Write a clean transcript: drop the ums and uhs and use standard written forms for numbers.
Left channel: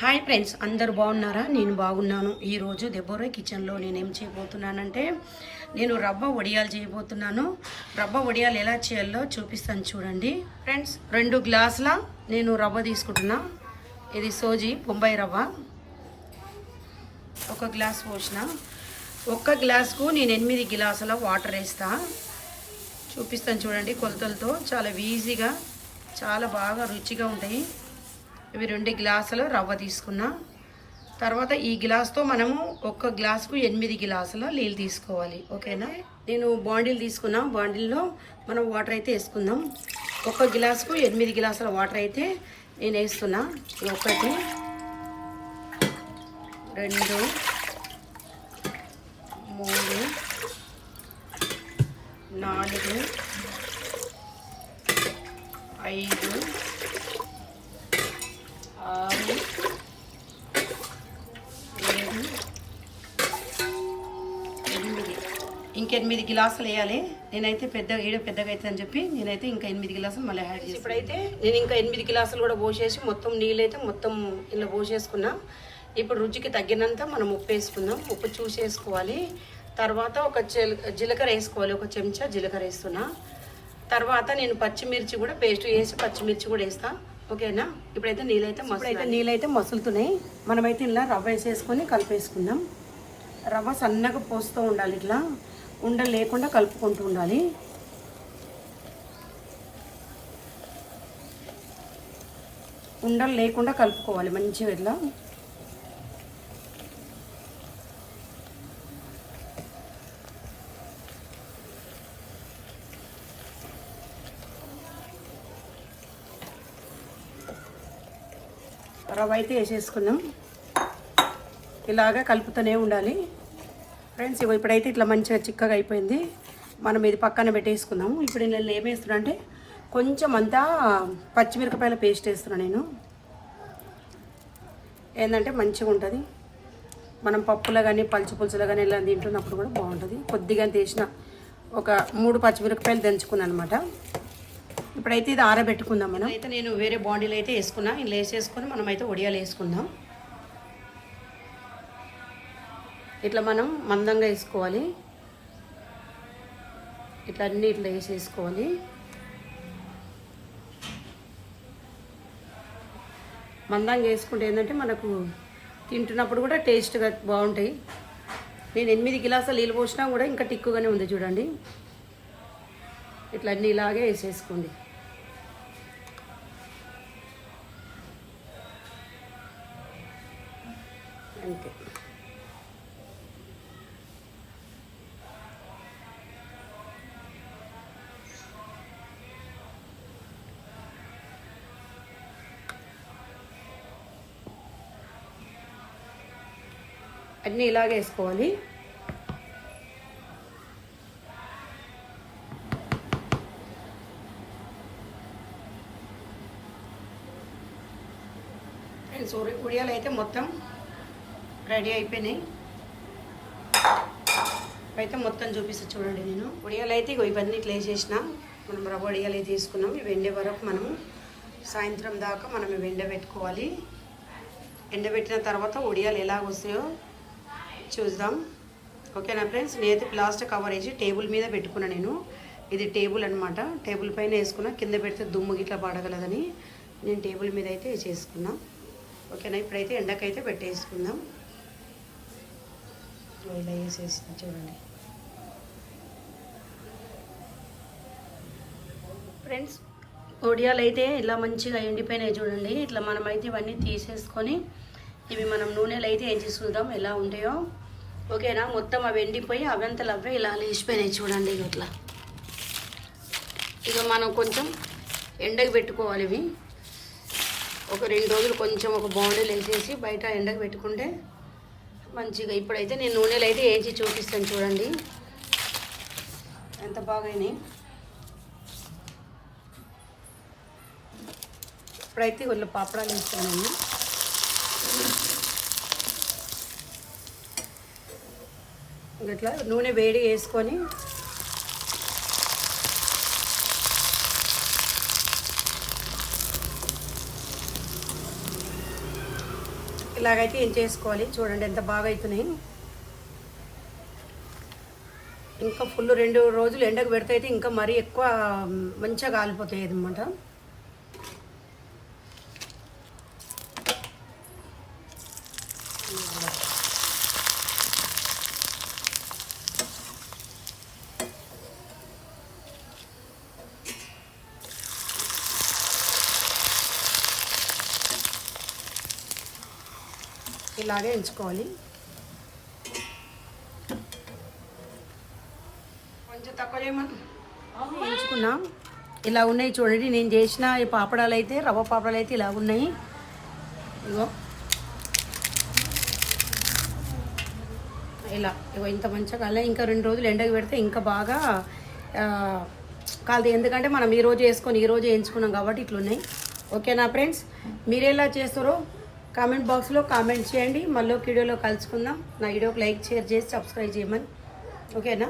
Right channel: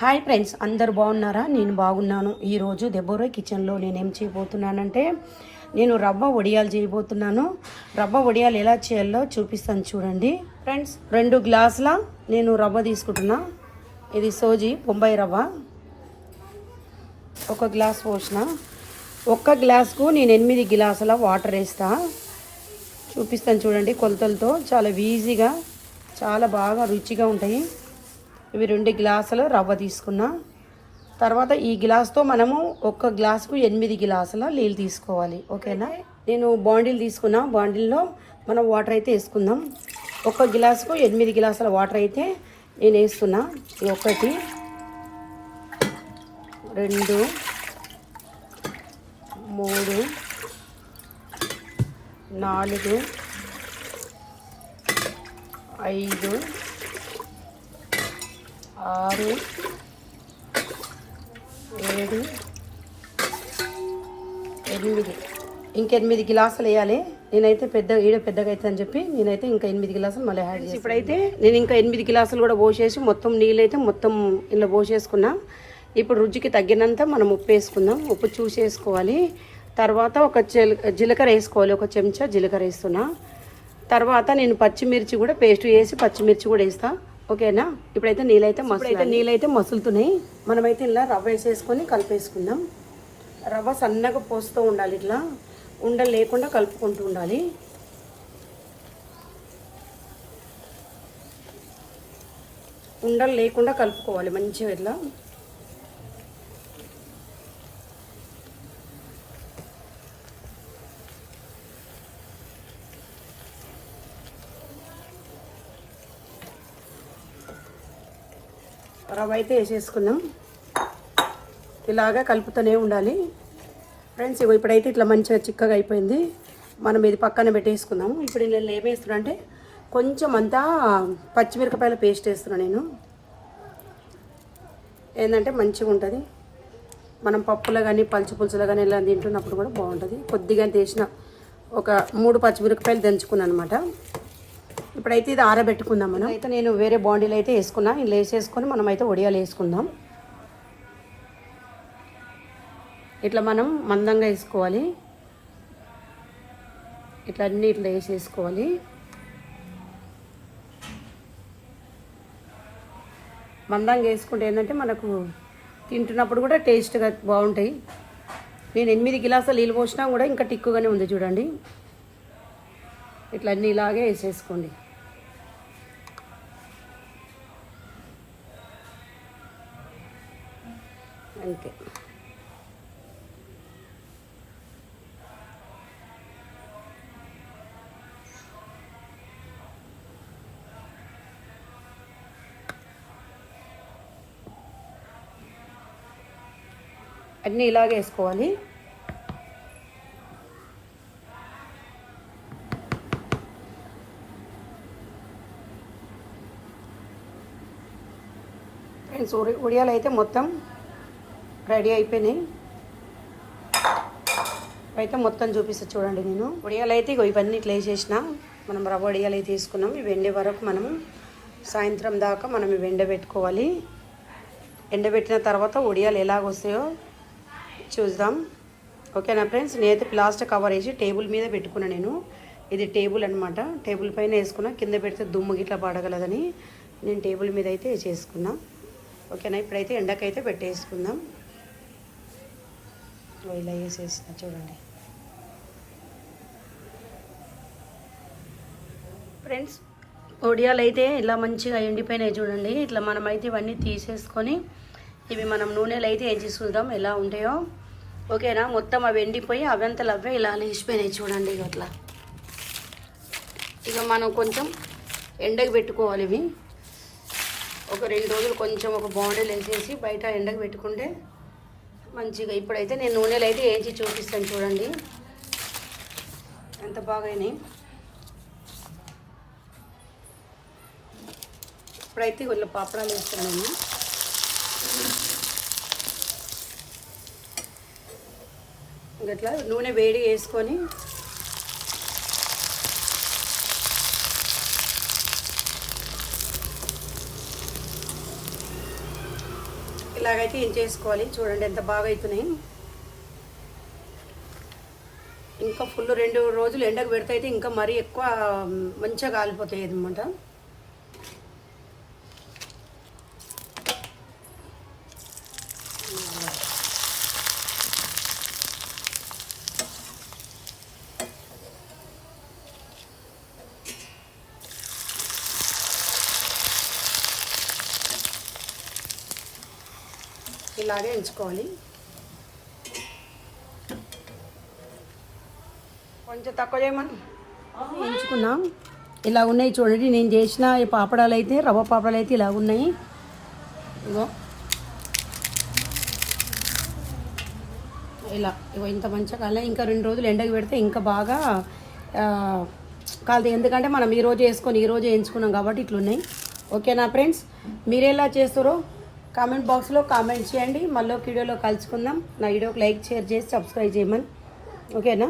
Hi friends, అందరు బాగున్నారా? నేను బాగున్నాను. ఈరోజు దెబోరా కిచెన్లో నేనేం చేయబోతున్నానంటే నేను రవ్వ వడియాలు చేయబోతున్నాను. రవ్వ వడియాలు ఎలా చేయాలో చూపిస్తాను చూడండి ఫ్రెండ్స్. 2 గ్లాసుల నేను రవ్వ తీసుకుంటున్నా. ఇది సోజీ బొంబాయి రవ్వ. 1 గ్లాస్ పోసిన. 1 గ్లాస్కు నేను 8 గ్లాసుల వాటర్ వేస్తా. చూపిస్తాను చూడండి కొలతలతో. చాలా ఈజీగా, చాలా బాగా రుచిగా ఉంటాయి. ఇవి 2 గ్లాసుల రవ్వ తీసుకున్నా. తర్వాత ఈ గ్లాస్తో మనము 1 గ్లాసుకు 8 గ్లాసుల నీళ్ళు తీసుకోవాలి. ఓకేనా? నేను బాండిల్ తీసుకున్నా. బాండిల్లో మనం వాటర్ అయితే వేసుకుందాం. 1 గ్లాసుకు 8 గ్లాసుల వాటర్ అయితే నేను వేస్తున్నా. 1 2 3 4 5 6 7 8 ఇంక 8 గ్లాసులు వేయాలి. నేనైతే పెద్దగా అవుతుంది అని చెప్పి నేనైతే ఇంకా 8 గ్లాసులు మళ్ళీ యాడ్ చేసి ఇప్పుడైతే నేను ఇంకా 8 గ్లాసులు కూడా పోసేసి మొత్తం నీళ్ళు అయితే మొత్తం ఇలా పోసేసుకున్నా. ఇప్పుడు రుచికి తగ్గినంత మనం ఉప్పు వేసుకుందాం. ఉప్పు చూసి వేసుకోవాలి. తర్వాత ఒక జీలకర్ర వేసుకోవాలి. 1 చెంచా జీలకర్ర వేస్తున్నా. తర్వాత నేను పచ్చిమిర్చి కూడా పేస్ట్ వేసి పచ్చిమిర్చి కూడా వేస్తాను. ఓకేనా? ఇప్పుడైతే నీళ్ళైతే మసులుతున్నాయి. మనమైతే ఇలా రవ్వ వేసేసుకొని కలిపేసుకుందాం. రవ్వ సన్నగా పోస్తూ ఉండాలి. ఇట్లా ఉండలు లేకుండా కలుపుకుంటూ ఉండాలి. ఉండలు లేకుండా కలుపుకోవాలి మంచిగా ఇట్లా. రవ్వ అయితే వేసేసుకున్నాం. ఇలాగా కలుపుతూనే ఉండాలి ఫ్రెండ్స్. ఇప్పుడైతే ఇట్లా మంచిగా చిక్కగా అయిపోయింది. మనం ఇది పక్కన పెట్టేసుకుందాము. ఇప్పుడు నేను ఏమేస్తున్నా అంటే కొంచెం అంతా పచ్చిమిరపకాయల పేస్ట్ వేస్తున్నాను నేను. ఏంటంటే మంచిగా ఉంటుంది. మనం పప్పులో కానీ పులుసులో కానీ ఇలా తింటున్నప్పుడు కూడా బాగుంటుంది. కొద్దిగా తీసిన ఒక 3 పచ్చిమిరపకాయలు దంచుకున్నాను అనమాట. ఇప్పుడైతే ఇది ఆరబెట్టుకుందాం. మనం అయితే నేను వేరే బాండీలు అయితే వేసుకున్నా. ఇలా వేసేసుకొని మనం అయితే వడియాలు వేసుకుందాం. ఇట్లా మనం మందంగా వేసుకోవాలి. ఇట్లా అన్నీ ఇట్లా వేసేసుకోవాలి. మందంగా వేసుకుంటే ఏంటంటే మనకు తింటున్నప్పుడు కూడా టేస్ట్గా బాగుంటాయి. నేను 8 గ్లాసులు నీళ్ళు పోసినా కూడా ఇంకా టిక్కుగానే ఉంది చూడండి. ఇట్లా అన్నీ ఇలాగే వేసేసుకోండి. అంతే. అన్నీ ఇలాగే వేసుకోవాలి. ఉడియాలు అయితే మొత్తం రెడీ అయిపోయినాయి. అయితే మొత్తం చూపిస్తా చూడండి. నేను ఉడియాలు అయితే ఇవన్నీ ఇట్లా వేసేసిన. మనం రవ్వ వడియాలు అయితే తీసుకున్నాం. ఇవి ఎండే వరకు మనము సాయంత్రం దాకా మనం ఇవి ఎండబెట్టుకోవాలి. ఎండబెట్టిన తర్వాత ఉడియాలు ఎలాగొస్తాయో చూద్దాం. ఓకేనా ఫ్రెండ్స్? నేనైతే ప్లాస్టిక్ కవర్ వేసి టేబుల్ మీద పెట్టుకున్నా. నేను ఇది టేబుల్ అనమాట. టేబుల్ పైన వేసుకున్నా. కింద పెడితే దుమ్ము గిట్లా పడగలదని నేను టేబుల్ మీద అయితే వేసేసుకున్నా. ఓకేనా? ఇప్పుడైతే ఎండకైతే పెట్టేసుకుందాం. ఇలా వేసేసిన చూడండి ఫ్రెండ్స్. వడియాలు అయితే ఇలా మంచిగా ఎండిపోయినాయి చూడండి. ఇట్లా మనమైతే ఇవన్నీ తీసేసుకొని ఇవి మనం నూనెలో అయితే ఏం చూద్దాం ఎలా ఉంటాయో. ఓకేనా? మొత్తం అవి ఎండిపోయి అవంతలు అవే ఇలా లేచిపోయినాయి చూడండి. అట్లా ఇక మనం కొంచెం ఎండకు పెట్టుకోవాలి. ఇవి ఒక 2 రోజులు కొంచెం ఒక బాండీలు వేసేసి బయట ఎండకు పెట్టుకుంటే మంచిగా. ఇప్పుడైతే నేను నూనెలు అయితే వేయించి చూపిస్తాను చూడండి ఎంత బాగాయినాయి. ఇప్పుడైతే వీళ్ళు పాపడాలు వేస్తాను. ఇట్లా నూనె వేడి వేసుకొని ఇలాగైతే ఏం చేసుకోవాలి చూడండి ఎంత బాగా అవుతున్నాయి. ఇంకా ఫుల్ 2 రోజులు ఎండకు పెడితే అయితే ఇంకా మరీ ఎక్కువ మంచిగా కాలిపోతాయి అన్నమాట. ఇలాగే ఎంచుకోవాలి. కొంచెం తక్కువ చేయమని ఎంచుకున్నాం. ఇలా ఉన్నాయి చూడండి. నేను చేసిన ఈ పాపడాలు అయితే రవ్వ పాపడాలు అయితే ఇలా ఉన్నాయి. ఇగో ఇగో ఇంత మంచిగా కాలే. ఇంకా 2 రోజులు ఎండకు పెడితే ఇంకా బాగా కాదు. ఎందుకంటే మనం ఈరోజు వేసుకొని ఈరోజు వేయించుకున్నాం కాబట్టి ఇట్లున్నాయి. ఓకేనా ఫ్రెండ్స్, మీరు ఎలా చేస్తారో కామెంట్ బాక్స్లో కామెంట్ చేయండి. మళ్ళీ ఒక వీడియోలో కలుసుకుందాం. నా వీడియోకి లైక్ షేర్ చేసి సబ్స్క్రైబ్ చేయమని. ఓకేనా.